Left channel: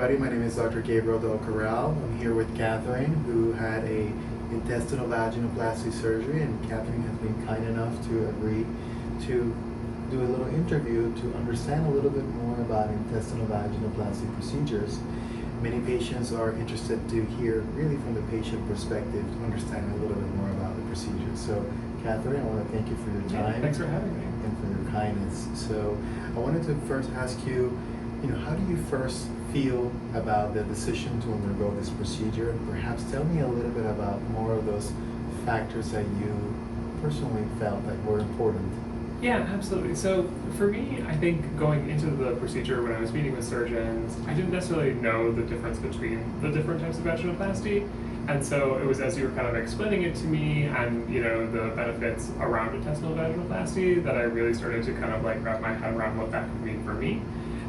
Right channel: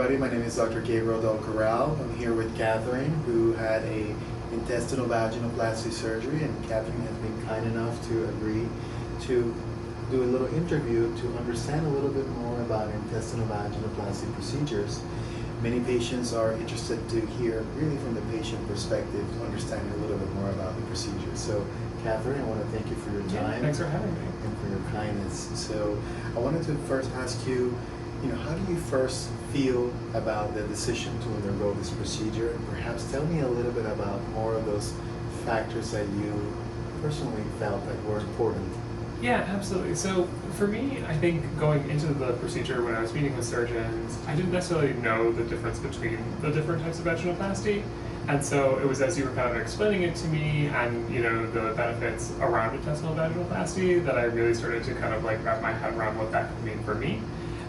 everybody. My name is Dr. Gabriel Del Corral. I'm here with Catherine, who had a intestinal vaginoplasty surgery, and Catherine has been kind enough to agree to do a little interview to understand a little bit more about intestinal vaginoplasty procedures. Many patients are interested to hear really from the patient perspective, understanding a little bit more about the procedure. So Catherine, I want to thank you for your time. Yeah, thanks for having me. And for your kindness. So I wanted to first ask you, how do you first feel about the decision to undergo this procedure? Perhaps tell me a little bit about more of those factors that you personally felt that were important. Yeah, absolutely. So for me, I think going into the procedure when I was meeting with surgeons, I didn't necessarily know the difference between the different types of vaginoplasty. And so it was as you were kind of explaining it to me and the benefits around intestinal vaginoplasty that I really started to kind of like wrap my head around what that could mean for me.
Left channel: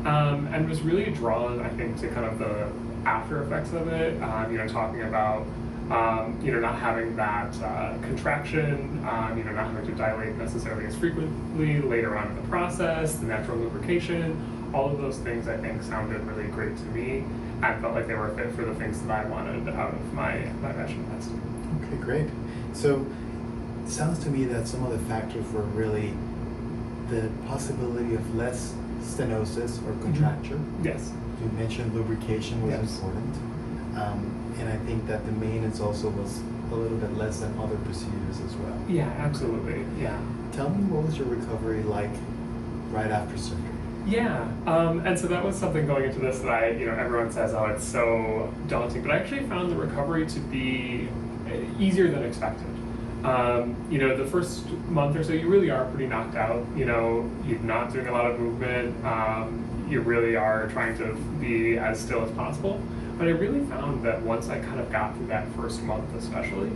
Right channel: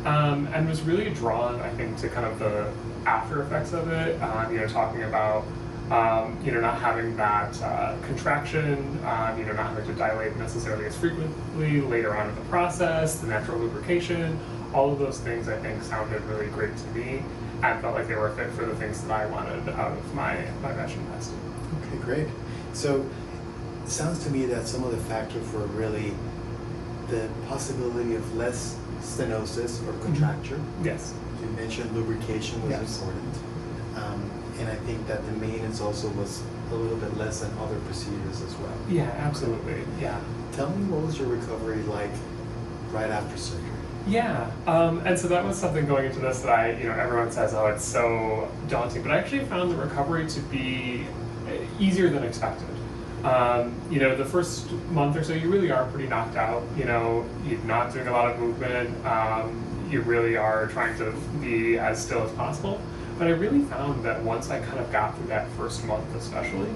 And was really drawn, I think, to kind of the after effects of it, talking about not having that contraction, not having to dilate necessarily as frequently later on in the process, the natural lubrication, all of those things I think sounded really great to me and felt like they were a fit for the things that I wanted out of my vaginoplasty. Okay, great. So it sounds to me that some of the factors were really the possibility of less stenosis or contracture. Mm-hmm. Yes. You mentioned lubrication was Yes. important. And I think that the maintenance also was a little bit less than other procedures as well. Yeah, absolutely. Yeah. Tell me, what was your recovery like right after surgery? Yeah, and so that was something going into this that everyone says, oh, it's so daunting, but I actually found the recovery to be easier than expected. The first month or so, you really are pretty knocked out. You're not doing a lot of movement. You really are trying to be as still as possible. But I really found that once I kind of got through that first month especially,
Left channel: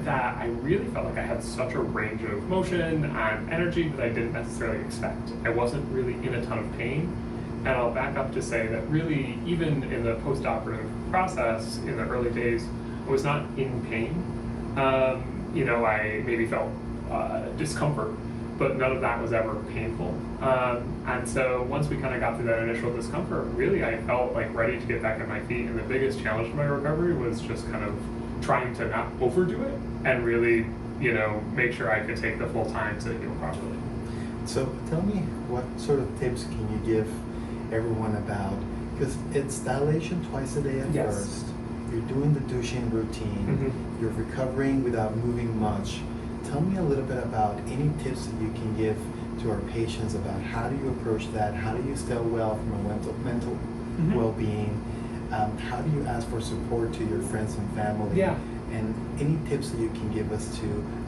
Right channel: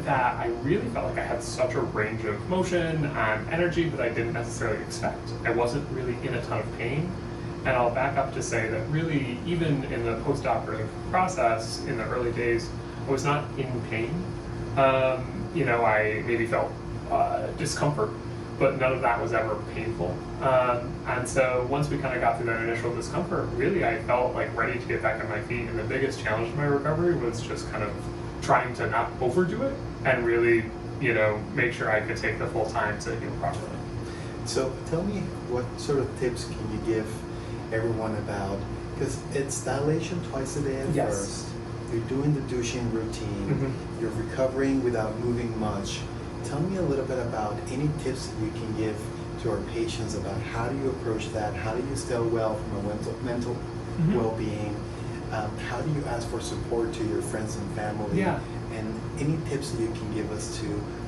that I really felt like I had such a range of motion and energy that I didn't necessarily expect. I wasn't really in a ton of pain. And I'll back up to say that really, even in the post-operative process, in the early days, I was not in pain. I maybe felt discomfort, but none of that was ever painful. And so once we kind of got through that initial discomfort, really I felt like ready to get back on my feet. And the biggest challenge to my recovery was just kind of trying to not overdo it and really, make sure I could take the full time to heal properly. So tell me, what sort of tips can you give everyone about, because it's dilation twice a day at Yes. first. You're doing the douching routine. Mm-hmm. You're recovering without moving much. Tell me a little bit about any tips that you can give to our patients about how do you approach that? How do you stay well from a mental Mm-hmm. well-being? How do you ask for support to your friends and family? Yeah. And any tips that you can give us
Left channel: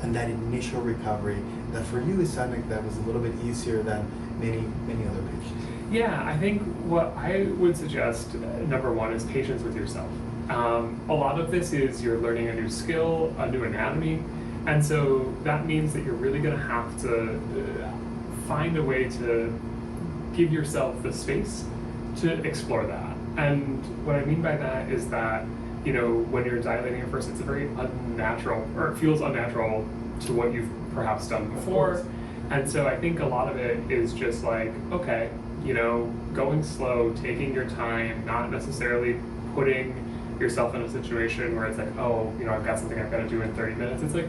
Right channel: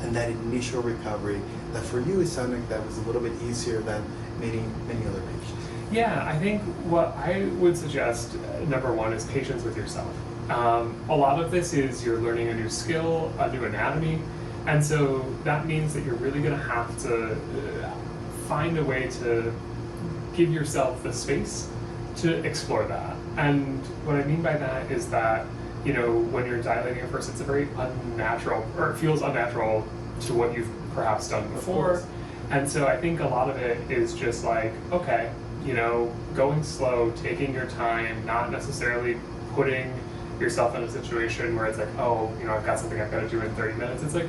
and that initial recovery that for you it sounded like that was a little bit easier than many other patients? Yeah, I think what I would suggest, number one, is patience with yourself. A lot of this is you're learning a new skill, a new anatomy, and so that means that you're really going to have to find a way to give yourself the space to explore that. And what I mean by that is that, when you're dilating at first, it's a very unnatural, or it feels unnatural to what you've perhaps done before. And so I think a lot of it is just like, okay, going slow, taking your time, not necessarily putting yourself in a situation where it's like, oh, I've got something I've got to do in 30 minutes. It's like,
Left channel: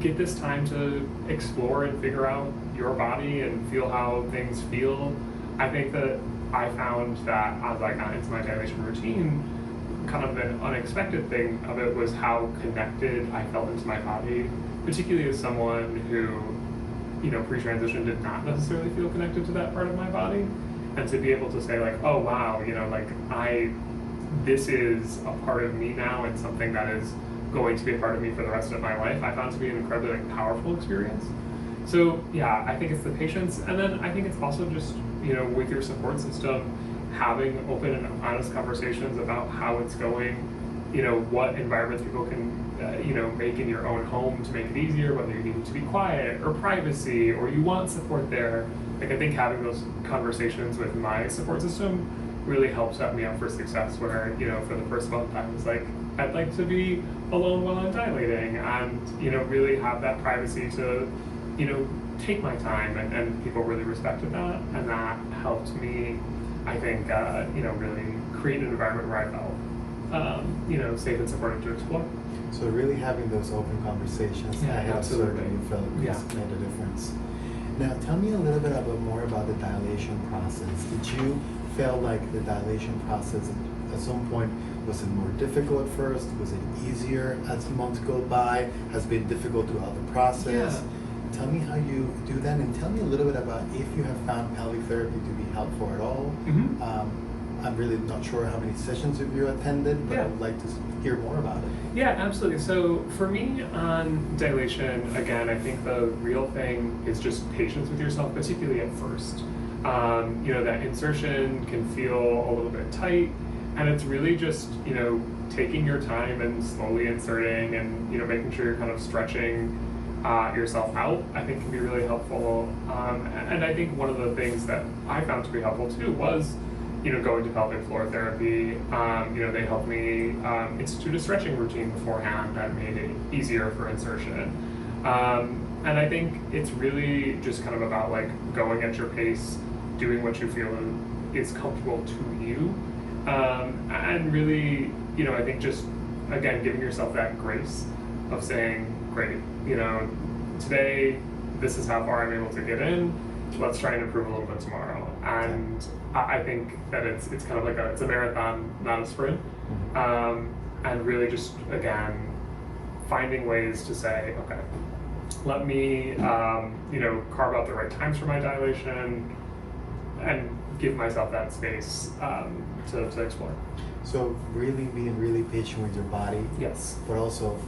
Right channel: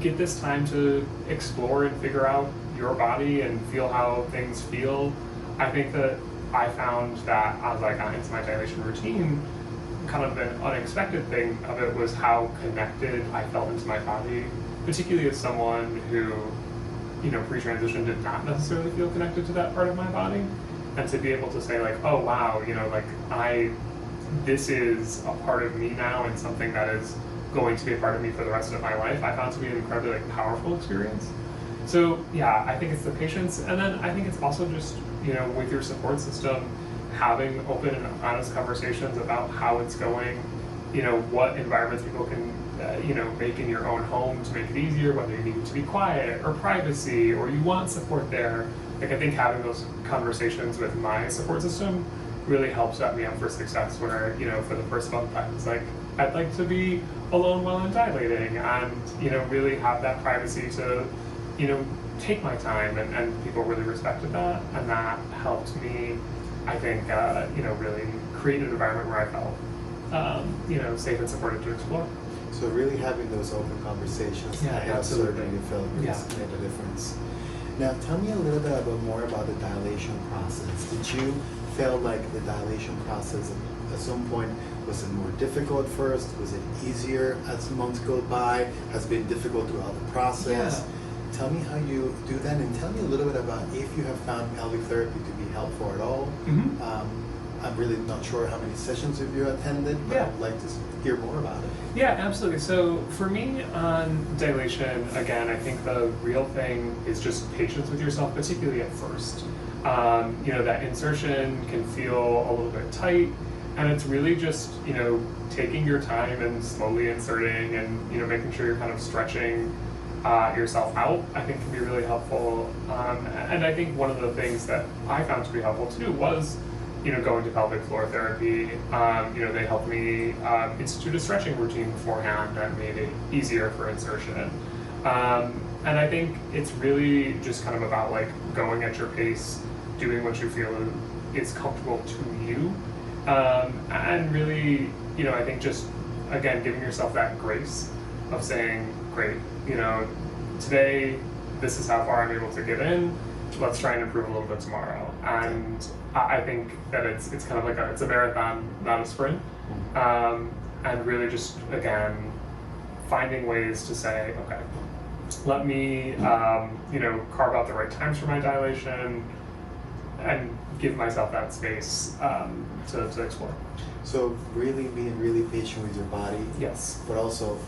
get this time to explore and figure out your body and feel how things feel. I think that I found that as I got into my dilation routine, kind of an unexpected thing of it was how connected I felt into my body, particularly as someone who, pre-transition did not necessarily feel connected to that part of my body. And to be able to say like, oh wow, this is a part of me now and something that is going to be a part of me for the rest of my life, I found to be an incredibly powerful experience. So yeah, I think it's the patience, and then I think it's also just, with your support system, having open and honest conversations about how it's going, what environments people can, make in your own home to make it easier, whether you need it to be quiet or privacy, or you want support there. Like, I think having those conversations with my support system really helped set me up for success where, for the first month I was like, I'd like to be alone while I'm dilating and, really have that privacy to, take my time, and people really respected that, and that helped me I think, really create an environment where I felt, safe and supported to explore. So really having those open conversations ahead of surgery, you felt made a difference. Now tell me a little bit more about the dilation process. Did you feel like the dilation process at some point, was it more difficult first? Was it easier as months go by? Has it been difficult throughout the process? Yeah. Tell me how you do that, and tell me a little bit about if you have found pelvic therapy to be helpful at all. I'm really not sure how many sessions have you attended, but I'd like to hear more about it. Yeah, absolutely. So for me on dilation, again, I think the real thing is just patience with yourself, particularly at first. That insertion can feel a little bit tight, and it's really just, taking your time and slowly inserting and, making sure you're kind of stretching yourself out, I think can be really helpful. And I think one of the things that I found to be helpful too was, going to pelvic floor therapy. They helped me institute a stretching routine beforehand that made it easier for insertion. And I think it's really just kind of about like going at your pace, doing what you feel is comfortable to you. And really, I think just, again, giving yourself that grace of saying, great, today, this is how far I'm able to get in. Let's try and improve a little bit tomorrow. And I think that it's kind of like it's a marathon, not a sprint. And really just, again, finding ways to say, okay, let me, carve out the right times for my dilation and give myself that space to explore. So really being really patient with your body. Yes. But also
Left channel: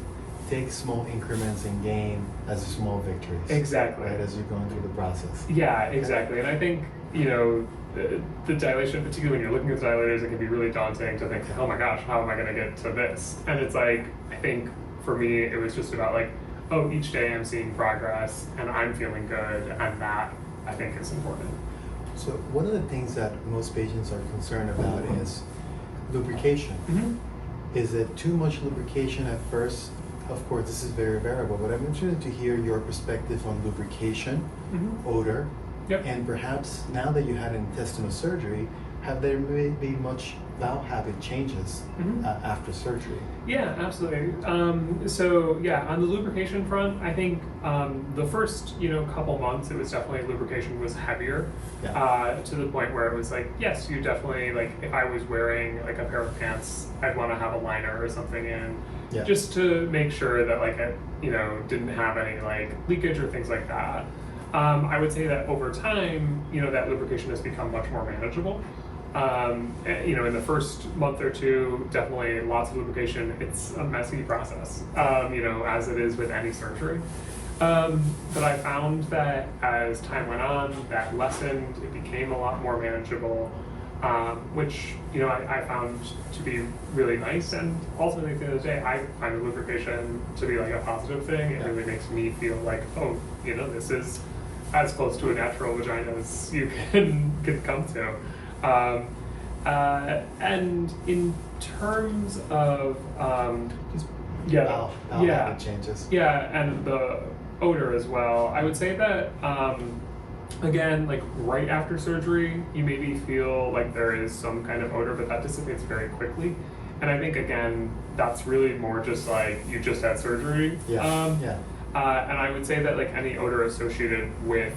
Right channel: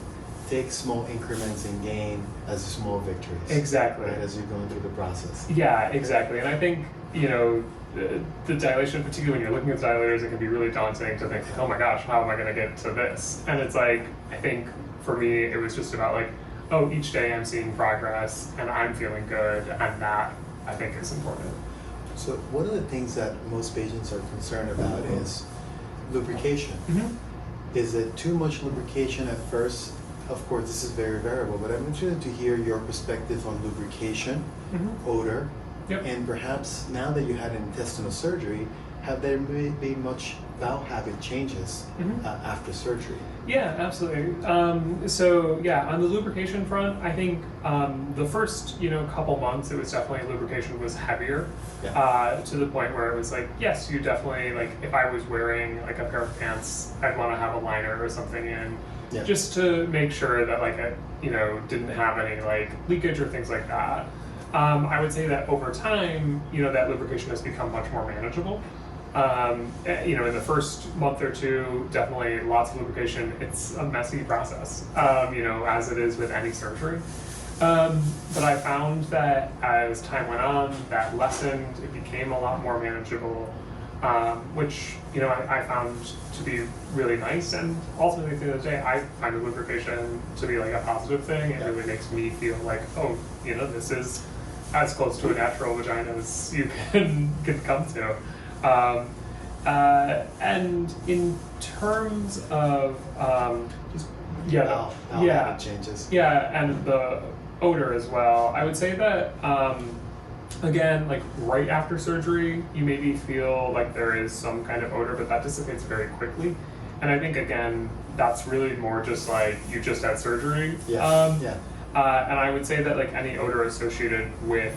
take small increments and gain as small victories. Exactly. Right, as you're going through the process. Yeah, exactly. And I think, the dilation, particularly when you're looking at dilators, it can be really daunting to think, oh my gosh, how am I going to get to this? And it's like, I think for me, it was just about like, oh, each day I'm seeing progress and I'm feeling good, and that I think is important. So one of the things that most patients are concerned about is lubrication. Is it too much lubrication at first? Of course, this is very variable, but I'm interested to hear your perspective on lubrication, odor, and perhaps now that you had an intestinal surgery, have there been much bowel habit changes after surgery? Yeah, absolutely. On the lubrication front, I think the first couple months, it was definitely lubrication was heavier to the point where it was like, yes, you definitely, like if I was wearing like a pair of pants, I'd want to have a liner or something in just to make sure that like it didn't have any like leakage or things like that. I would say that over time, that lubrication has become much more manageable. In the first month or two, definitely lots of lubrication. It's a messy process, as it is with any surgery. But I found that as time went on, that lessened, it became a lot more manageable, which, I found to be really nice. And ultimately, at the end of the day, I find the lubrication to be like a positive thing. It really makes me feel like, oh, this is as close to a natural vagina as you can come to. And in terms of bowel habit changes. Yeah, and the odor as well. I would say that again, like right after surgery, you maybe feel like there is some kind of odor, but that dissipates very quickly. And I think again, that's really more just like you just had surgery. And I would say that like any odor associated with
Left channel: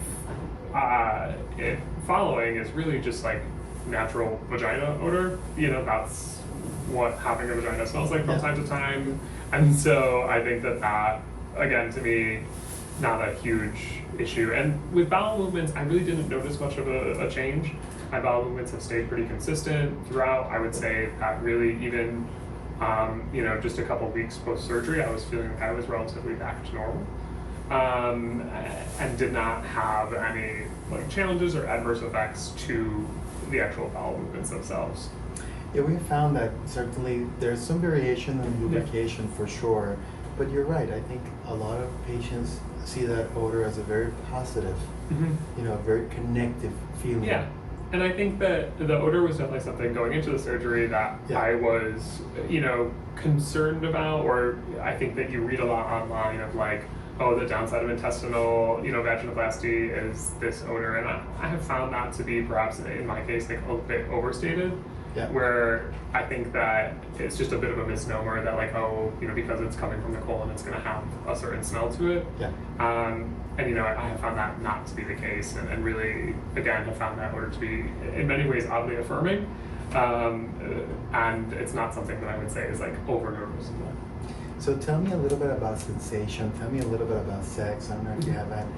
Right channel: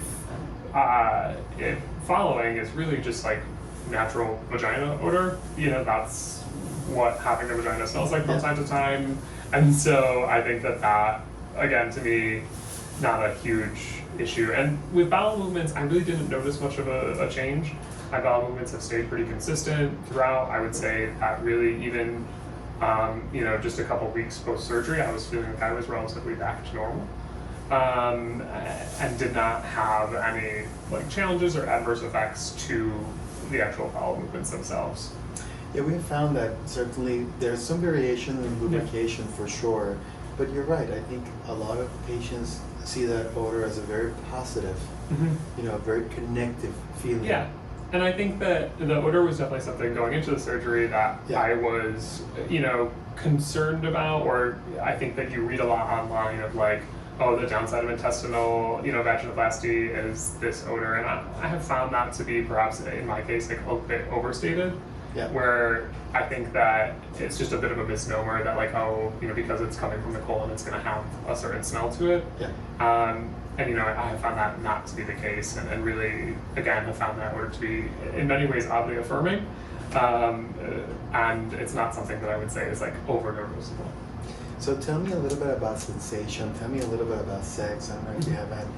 it following is really just like natural vagina odor. That's what having a vagina smells like from time to time. And so I think that again, to me, not a huge issue. And with bowel movements, I really didn't notice much of a change. My bowel movements have stayed pretty consistent throughout. I would say that really even, just a couple weeks post-surgery, I was feeling like I was relatively back to normal. And did not have any like challenges or adverse effects to the actual bowel movements themselves. Yeah, we found that certainly there's some variation in lubrication for sure, but you're right. I think a lot of patients see that odor as a very positive, a very connective feeling. Yeah, and I think that the odor was definitely something going into the surgery that I was, concerned about, or I think that you read a lot online of like, oh, the downside of intestinal, vaginoplasty is this odor, and I have found that to be perhaps in my case like a bit overstated. Yeah. Where I think that it's just a bit of a misnomer that like, oh, because it's coming from the colon, it's going to have a certain smell to it. Yeah. And I have found that not to be the case, and really, again, have found that odor to be in many ways oddly affirming. And it's not something that I would say is like over noticeable. So tell me a little bit about sensation. Tell me a little bit about sex. I don't know if you have had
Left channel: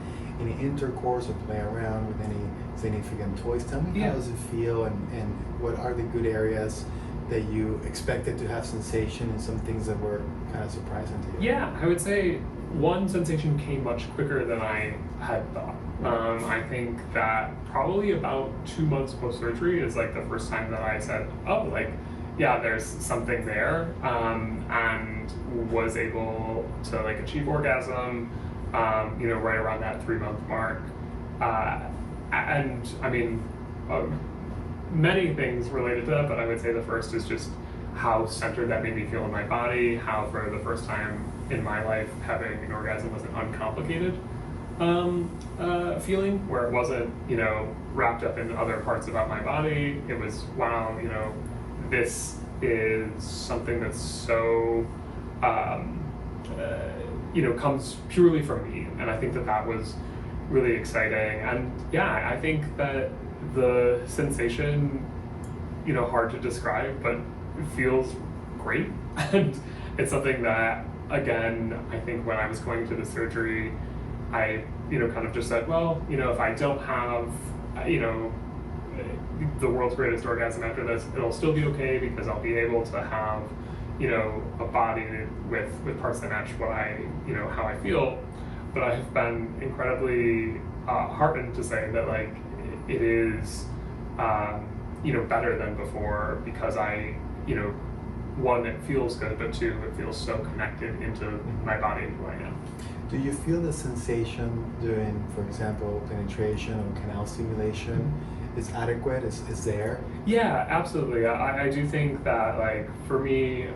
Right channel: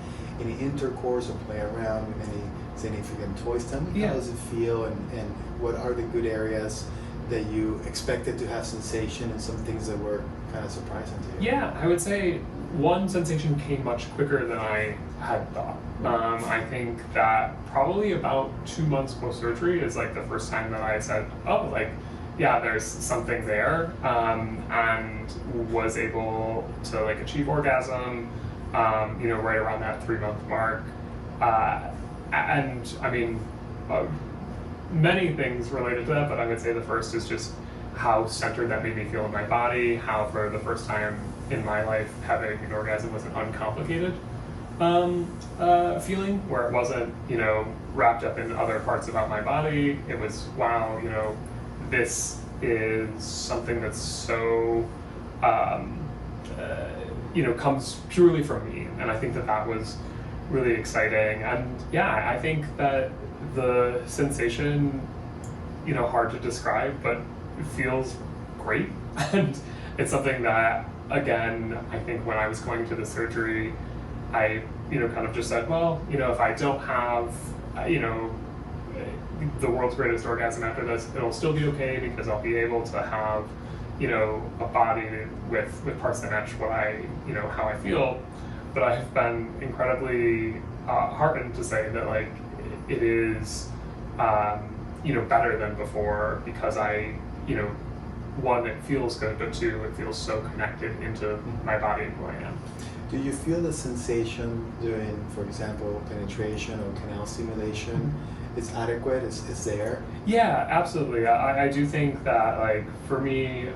any intercourse or play around with any significant toys. Tell me how does it feel, and what are the good areas that you expected to have sensation, and some things that were kind of surprising to you? Yeah, I would say one sensation came much quicker than I had thought. I think that probably about 2 months post-surgery is like the first time that I said, oh, like, yeah, there's something there, and was able to like achieve orgasm, right around that 3-month mark. And I mean, many things related to that, but I would say the first is just how centered that made me feel in my body, how for the first time in my life having an orgasm was an uncomplicated feeling, where it wasn't, wrapped up in other parts about my body. It was, wow, this is something that's so, comes purely from me. And I think that was really exciting. And yeah, I think that the sensation, hard to describe, but it feels great. And it's something that, again, I think when I was going to the surgery, I, kind of just said, well, if I don't have, the world's greatest orgasm after this, it'll still be okay, because I'll be able to have, a body with parts that match what I, how I feel. But I have been incredibly heartened to say that, like, it is, better than before, because I, one, it feels good, but two, it feels so connected into my body and who I am. Do you feel the sensation during, for example, penetration or canal stimulation is adequate, is there? Yeah, absolutely. I do think that, like, for me,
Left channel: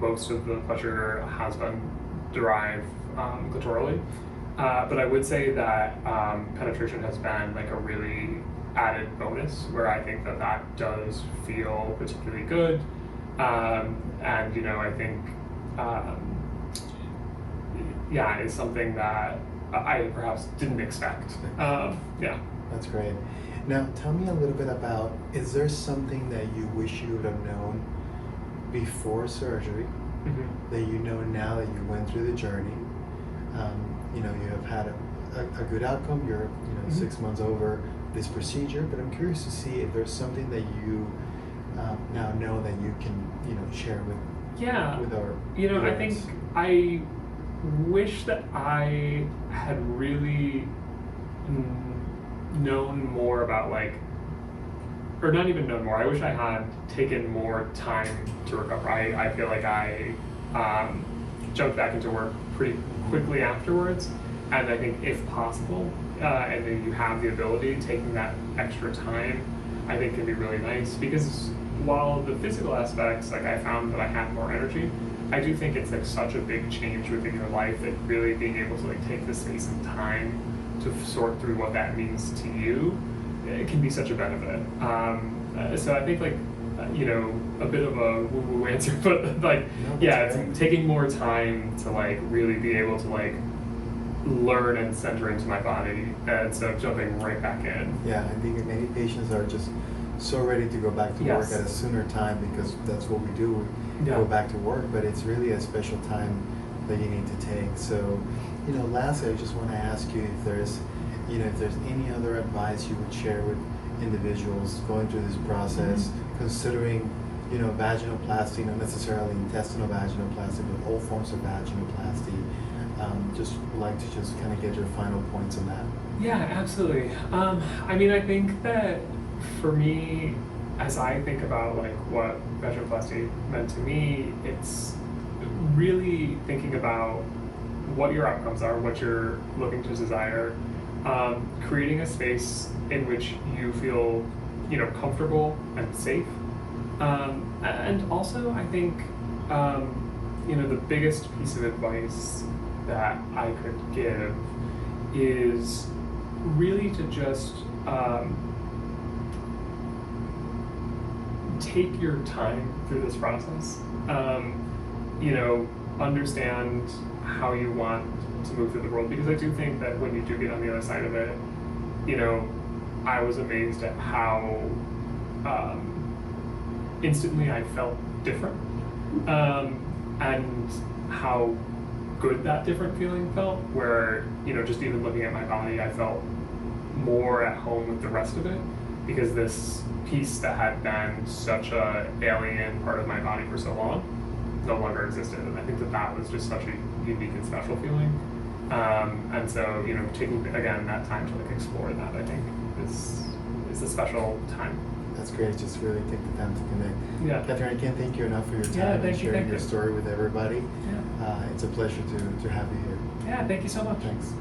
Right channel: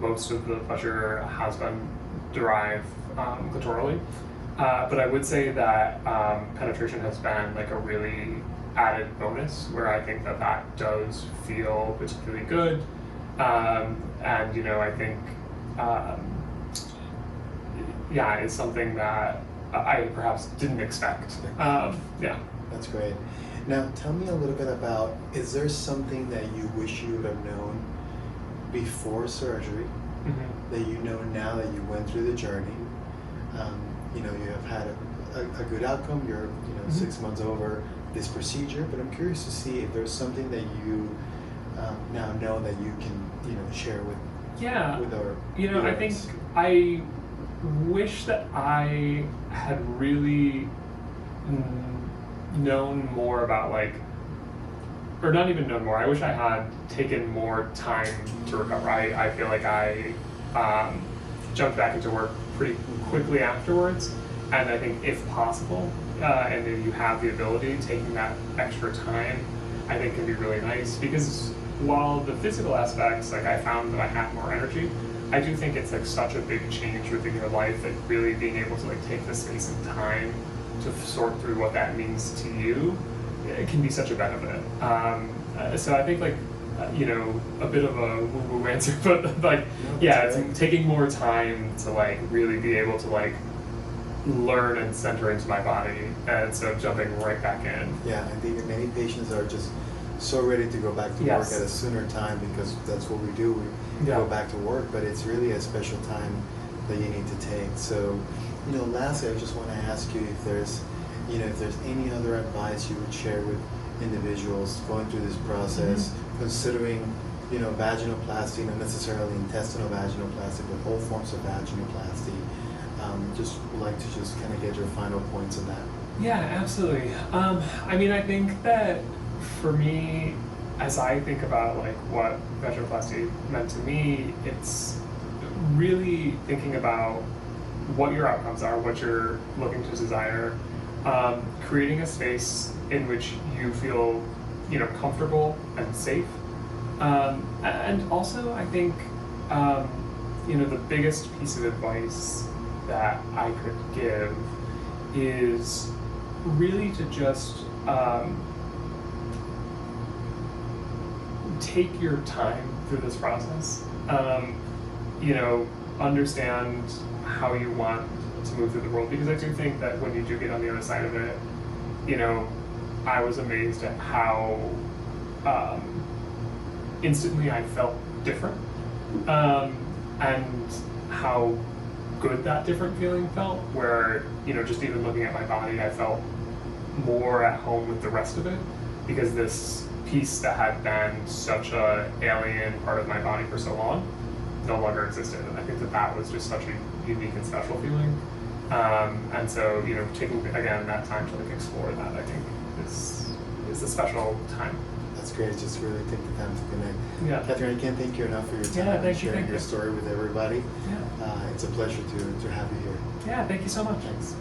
most of the pleasure has been derived clitorally. But I would say that penetration has been like a really added bonus, where I think that does feel particularly good. And, I think, it's something that I perhaps didn't expect. Yeah. That's great. Now, tell me a little bit about, is there something that you wish you would have known before surgery, that you know now that you went through the journey? You have had a good outcome. You're 6 months over this procedure, but I'm curious to see if there's something that you now know that you can share with our viewers. I think I wish that I had really known more about, like, or not even known more. I wish I had taken more time to recover. I feel like I jumped back into work pretty quickly afterwards, and I think if possible, and if you have the ability, taking that extra time, I think can be really nice, because while the physical aspects, like, I found that I had more energy, I do think it's like such a big change within your life that really being able to like take the space and time to sort through what that means to you, it can be such a benefit. So I think, like, a bit of a woo-woo answer, but like, it's taking more time to like really be able to like learn and center into my body, and so jumping right back in. Yeah, I think many patients are just so ready to go back to work at a sooner time, because that's what we do. We go back to work, but it's really a special time that you need to take. So, lastly, I just want to ask you if there's any other advice you would share with individuals going through this process, considering, vaginoplasty, not necessarily intestinal vaginoplasty, but all forms of vaginoplasty. Just would like to just kind of get your final points on that. Yeah, absolutely. I think that for me, as I think about like what vaginoplasty meant to me, it's really thinking about what your outcomes are, what you're looking to desire, creating a space in which you feel, comfortable and safe. And also, I think, the biggest piece of advice that I could give is really to just take your time through this process. Understand how you want to move through the world, because I do think that when you do get on the other side of it, I was amazed at how instantly I felt different, and how good that different feeling felt, where, just even looking at my body, I felt more at home with the rest of it, because this piece that had been such a alien part of my body for so long no longer existed. And I think that was just such a unique and special feeling. And so, taking, again, that time to explore that, I think is a special time. That's great. Just really take the time to connect. Yeah. Catherine, I can't thank you enough for your time and sharing your story with everybody. Yeah. It's a pleasure to have you here. Yeah, thank you so much. Thanks.